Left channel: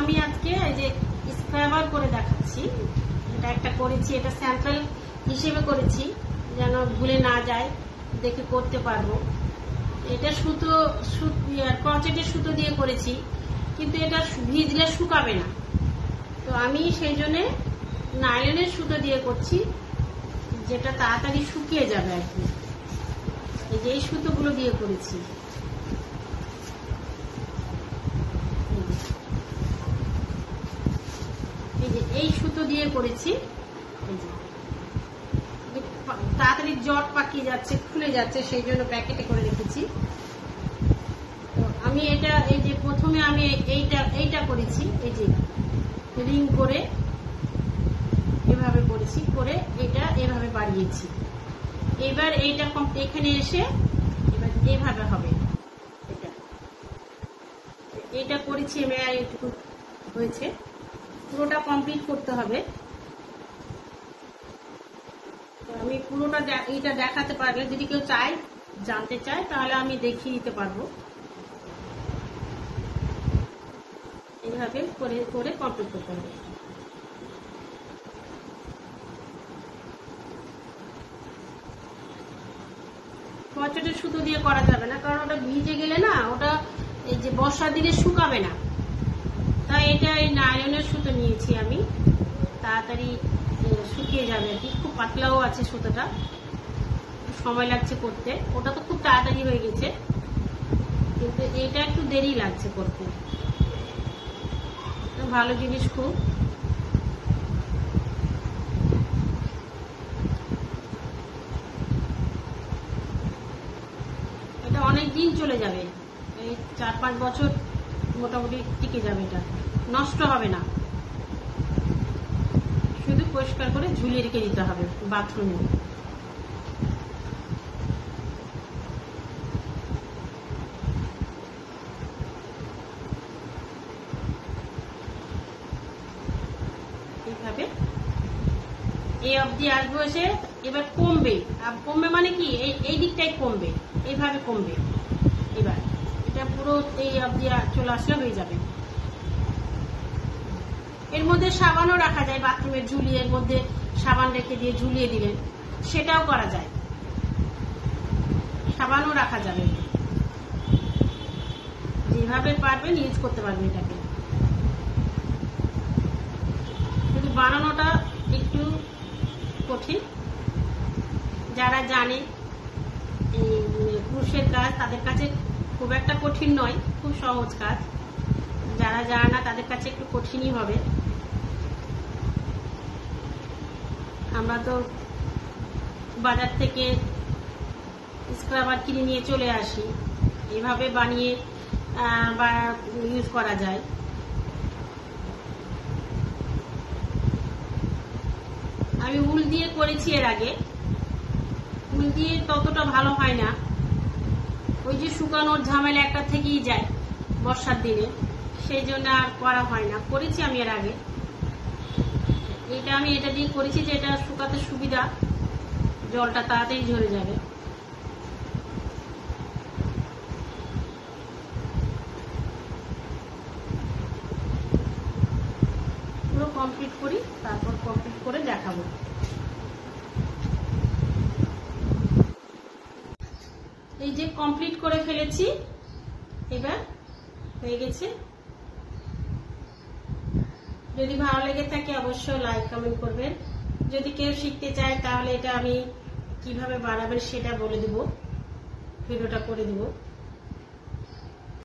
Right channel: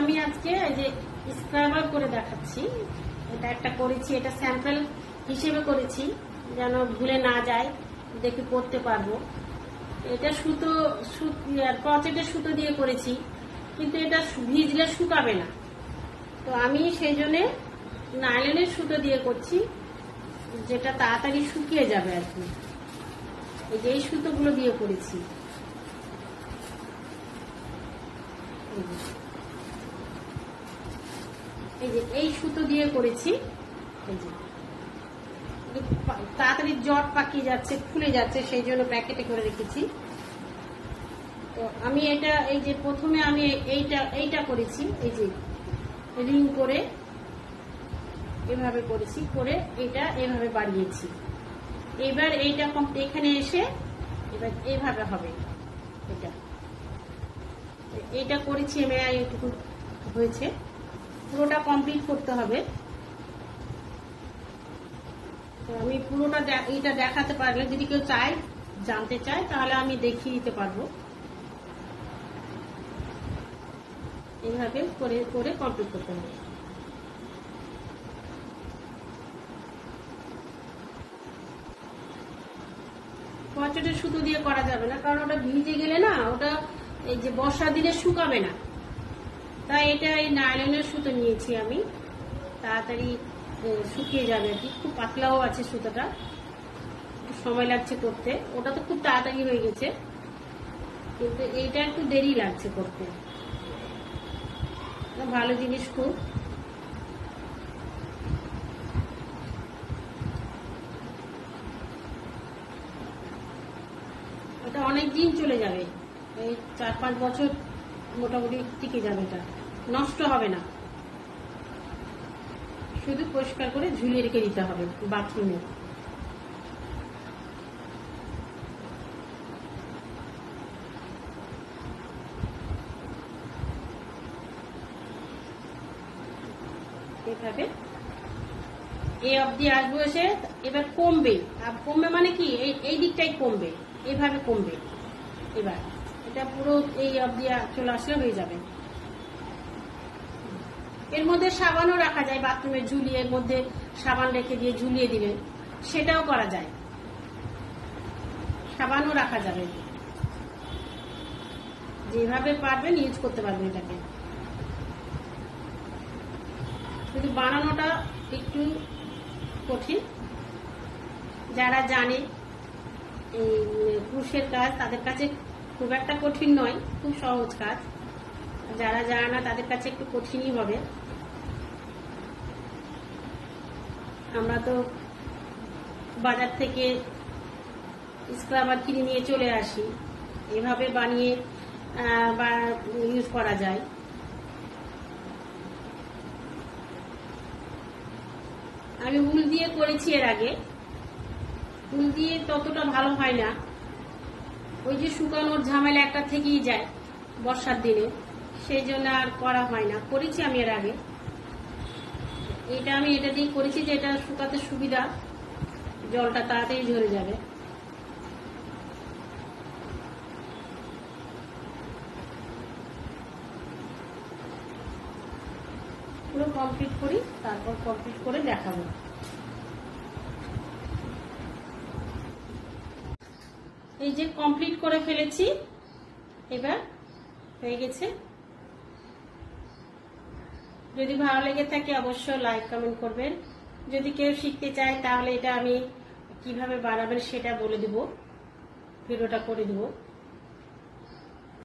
আমি আজকে এই যে স্ক্রাবার করে দেখাচ্ছি। এটা একটা করেছি, এটা স্যাম্পল হিসেবে করেছি যেন ভুলে না যায়, দেখে করতে পারবো। এটা সুতো ক্রচেটের সুতো দিয়ে করেছি, কিন্তু এটা ভিজলে শুকাবে না, তো আমি সেই জন্য নাইলনের সুতো দিয়ে করছি, যেটা তাড়াতাড়ি শুকিয়ে যাবে আর কি। এই যে এই সুতোগুলো দিয়ে করেছি, এই যে এই সুতো দিয়ে করেছি। এই যে তাড়াতাড়ি জট পাকিয়ে যাচ্ছে, খুলে যাচ্ছে, সেই জন্য প্যাকেটে করে রেখেছি। তো আমি এটা এই যে প্রথমে আমি এইটা করেছি, এই যে রিং করে এভাবে করেছি, করে এটা এভাবে বাড়িয়েছি। এবার এইটা এখানে এসে এবার এইভাবে হবে। এটা করেছি আমি, এইটুকু হয়েছে, পুরোটা কমপ্লিট করতে হবে। আমি পুরোটা এইটা দেখাতে পারলে, যদি কেউ চায় জানতে চায় তাহলে আমি দেখিয়ে নিতে পারবো। এইভাবে করে করে কমপ্লিট করতে হবে। ক্রচেটের সুতো দিয়ে করা যাবে না, কারণ ওটা ভিজে গেলে না, ওটা এই যে বর্ষার দিনে শুকাবে না। তাই এটা এই নাইলনের সুতো নিয়েছি আমি, তাড়াতাড়ি শুকিয়ে যাবে আর কি। খুব পাতলাও আছে সুতোটা, সময় লাগছে করতে। ওটা তো খুব তাড়াতাড়ি হয়ে গেছে, কিন্তু এইটা একটু দেরি লাগছে করতে। ভালো জিনিস খুব। এটা অনেক দিন চলে যাবে, এই 4-5 বছর মোটামুটি টিকে যাবে, এটা নষ্ট হবে না। শুধু পরিষ্কার করে ঝুলিয়ে রেখে দিতে হবে বাথরুমে। এইভাবে এই অবধি আসবো, এসে এবার কমবে। কমবে মানে কি, এই দিকটাই কমবে, এইভাবে কমবে। এবার এটা পুরো এই অবধি চলে আসলে হয়ে যাবে। এর মধ্যে সাবানও রাখা যায়, বাথরুমের ঝুলি, এর মধ্যে সাবান রেখে দিয়ে ঝুলিয়ে দিলেন, সেটাও করা যায়। সাবানও রাখা যাবে, যেভাবে পারবেন ইউজ করতে পারবেন এটাকে। শুধু বানানোটা একটু কঠিন, যারা জানে এই পুরুষের কাজ তাদের কাছে খুব একটা কঠিন নয়, খুব সহজ কাজ। যারা জানে না তাদের কাছে একটু কঠিনই হবে। আমরা তো বাজার থেকে স্ক্রাবার কিনে নিয়ে চলে আসি, এভাবে বানিয়ে ইউজ করা যায়। আমি উল দিয়ে করেছি এর আগে, উল দিয়ে ততটা ভালো হয় না, ওই যে শুকানোর ঝামেলা একটা থেকেই যায় বর্ষার দিনে, সেই জন্য আর করা হয় না। করেছি আমি এর আগে, আমি এটা দিয়ে করেছি যে এটা শুকাতে সুবিধা, জলটা তাড়াতাড়ি ঝরে যাবে। পুরো কমপ্লিট করি, তারপর কমপ্লিট করে দেখাবো। এই যে কমপ্লিট করে ফেলেছি, এবার হয়ে গেছে। যদি ভালো লেগে থাকে অবশ্যই লাইক কমেন্ট করবেন। যদি কেউ শিখতে চায় তাহলে এটা আমি কিভাবে বানাবেন সেটা বলে দিব, ভিডিওটা করে দিব।